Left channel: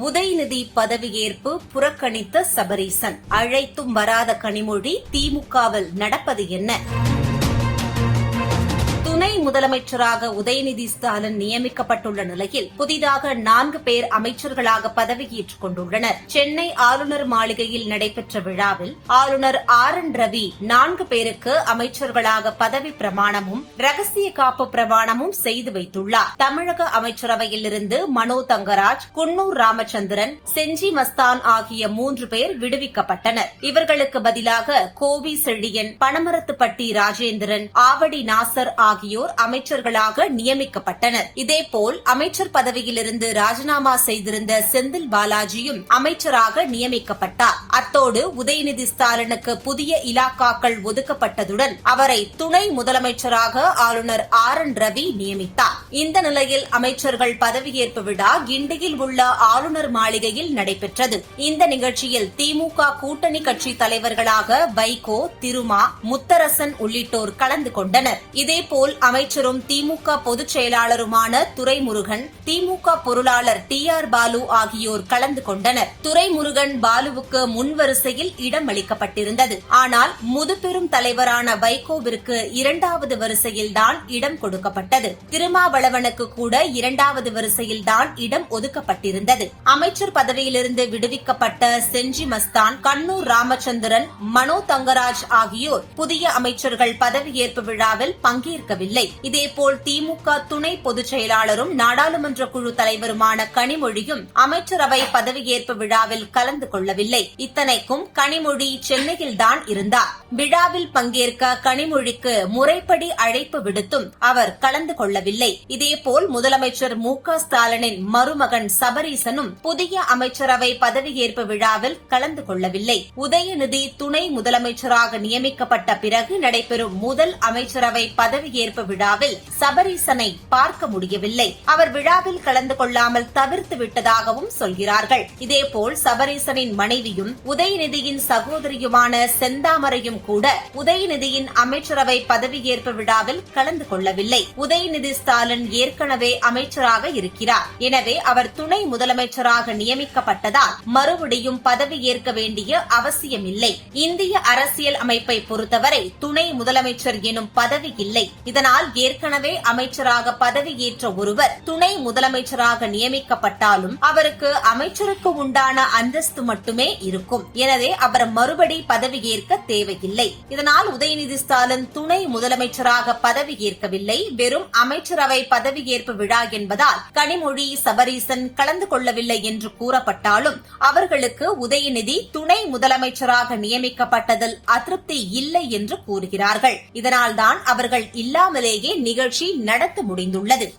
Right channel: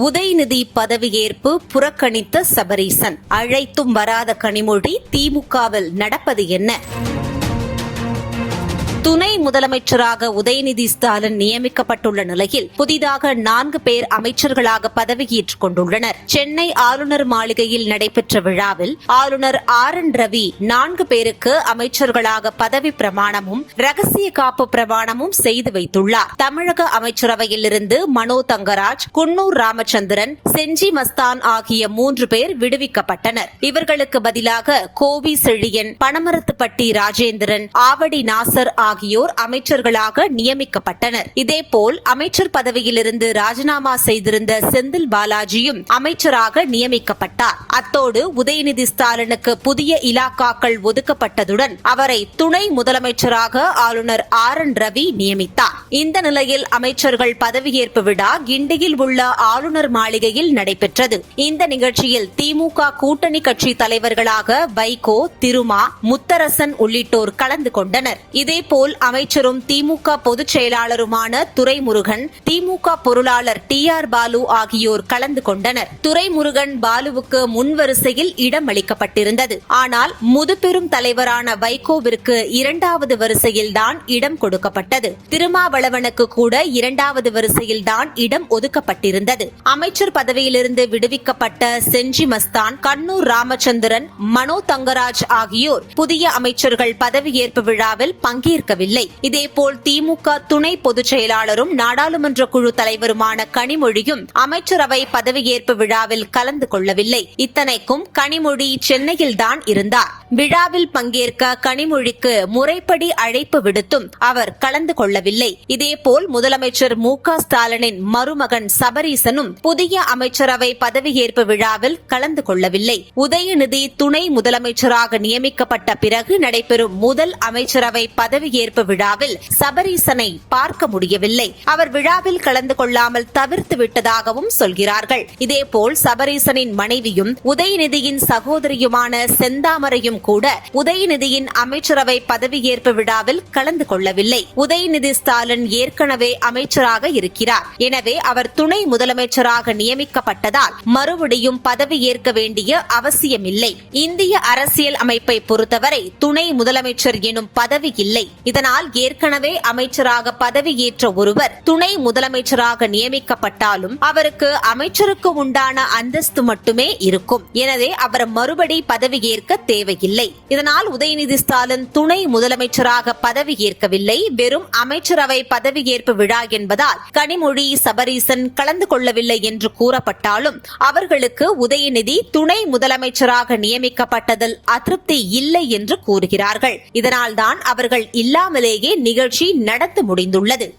உதயநிதி பதவியேற்பு புறக்கணித்த சபரீசன். அழைத்தும் வராத கனிமொழி திமுகவில் நடப்பது என்ன? துணை முதலமைச்சராக உதயநிதி ஸ்டாலின் நியமிக்கப்பட்டுள்ள நிலையில் புதிதாக நான்கு பேர் அமைச்சர்களாக பதவியேற்றுக் கொண்டுள்ளனர். சென்னை ஆளுநர் மாளிகையில் நடைபெற்ற விழாவில் ஆளுநர் ஆர் என் ரவி நான்கு பேருக்கு அமைச்சர்களாக பதவி பிரமாணமும் ரகசிய காப்பு பிரமாணமும் செய்து வைத்துள்ளார். தமிழக அமைச்சரவையில் இருந்து மனோ தங்கராஜ் குன்னூர் ராமச்சந்திரன் செஞ்சி மஸ்தான் ஆகிய மூன்று பேர் விடுவிக்கப்பட்டனர். இவர்களுக்கு பதிலாக கோவி செழியன் பனமரத்துப்பட்டி ராஜேந்திரன் ஆவடி நாசர் ஆகியோர் அமைச்சர்களாக நியமிக்கப்பட்டனர். இதேபோல் அமைச்சர் பதவியிலிருந்து ராஜினாமா செய்திருந்த செந்தில் பாலாஜியும் அமைச்சராக நியமிக்கப்பட்டார். அத்தோடு உதயநிதி ஸ்டாலினுக்கு புதிய இலாக்காக்கள் ஒதுக்கப்பட்டதுடன் அவரை துணை முதலமைச்சராக ஆளுநர் ஆர் என் ரவி நியமித்தார். இந்த நிலையில் அமைச்சர்கள் பதவியேற்பு விழா கிண்டியில் உள்ள ஆளுநர் மாளிகையில் நடைபெற்றது. இந்த நிகழ்ச்சியில் திமுக கூட்டணி கட்சி தலைவர்களாக வைகோ திருமா முத்தரசன் உள்ளிட்டோர் கலந்து கொண்டனர். இதேபோல் அமைச்சர் அமைச்சரும் திமுக பொதுச் செயலாளருமான துரைமுருகன் திமுக பொருளாளர் டி ஆர் பாலு ஆகியோர் கலந்து கொண்டனர். துரைமுருகன் பாலுவுக்கு முன்வரிசையில் இடம் அளிக்கப்பட்டிருந்தது. ஆனால் முதுபெரும் தலைவரான வைகோவிற்கு இரண்டாவது வரிசையில்தான் இடம் கொடுக்கப்பட்டது. திருமாவளவனுக்கு கூட இரண்டாவது வரிசையில்தான் இடம் ஒதுக்கப்பட்டிருந்தது. அமைச்சர் பதவியிலிருந்து விடுவிக்கப்பட்ட செஞ்சி மஸ்தான் கண்ணூர் ராமச்சந்திரன் மனோ தங்கராஜ் ஆகியோர் புதிய அமைச்சர்கள் பதவியேற்பு விழாவில் பங்கேற்கவில்லை. இதேபோல் திமுக துணை பொதுச் செயலாளரும் நாடாளுமன்ற குழு தலைவருமான கனிமொழியும் அமைச்சரவை பதவியேற்பு விழாவில் கலந்து கொள்ளவில்லை. இத்தனைக்கும் கனிமொழி சென்னையில்தான் இருந்தார். விழாவில் பங்கேற்க கனிமொழிக்கு முறைப்படி அழைப்பு விடுத்தும் அவர் கலந்து கொள்ளவில்லை. இதேபோல் முதலமைச்சர் மு க ஸ்டாலினின் மருமகன் சபரீசனும் புதிய அமைச்சரவை பதவியேற்பு விழாவில் கலந்து கொள்ளவில்லை. உதயநிதி துணை முதலமைச்சராக நியமிக்கப்பட்ட பிறகு நடைபெறும் முதல் அமைச்சரவை பதவியேற்பு விழாவில் சபரீசனை பார்க்க முடியவில்லை. அவர் விழாவில் கலந்து கொள்ளாமல் தவிர்த்து விட்டதாகவும் சொல்கிறார்கள். இதேபோல் சபரீசனின் மனைவியும் உதயநிதியின் சகோதரியுமான செந்தாமரையும் கூட உதயநிதியின் அமைச்சரவை பதவியேற்பு விழாவில் கலந்து கொள்ளவில்லை. உதயநிதி ஸ்டாலின் ஏற்கனவே அமைச்சராக இருக்கிறார். எனவே அவர் துணை முதலமைச்சராக நியமிக்கப்பட்டதால் மறுபடியும் பதவியேற்க வேண்டிய அவசியமில்லை. இந்திய அரசியல் அமைப்பை பொறுத்தவரை துணை முதலமைச்சர் எனும் பதவி இல்லை. இதனால் ஏற்கனவே அமைச்சராக பதவியேற்ற ஒருவர் துணை முதலமைச்சராக நியமிக்கப்பட்டாலும் அவருக்கு அமைச்சருக்கு உண்டான அந்தஸ்து மட்டுமே இருக்கும். எனவே அவர் மறுபடி பதவியேற்க தேவையில்லை. இதனால் உதயநிதி ஸ்டாலின் துணை முதலமைச்சராக பதவியேற்கவில்லை. வெறும் அமைச்சரவை பதவியேற்பு விழா என்பதால் கனிமொழி சபரீசன் கலந்து கொள்ளவில்லை என்று கூறப்பட்டாலும் அவர்களுக்கு உதயநிதி துணை முதலமைச்சராக நியமிக்கப்பட்டதில் அதிருப்தி இல்லை என்று கூறுகிறார்கள். இதனால்தான் அவர்கள் இல்லாமலே இல்லாமலேயே நிகழ்ச்சி நடத்த முடிந்துள்ளது.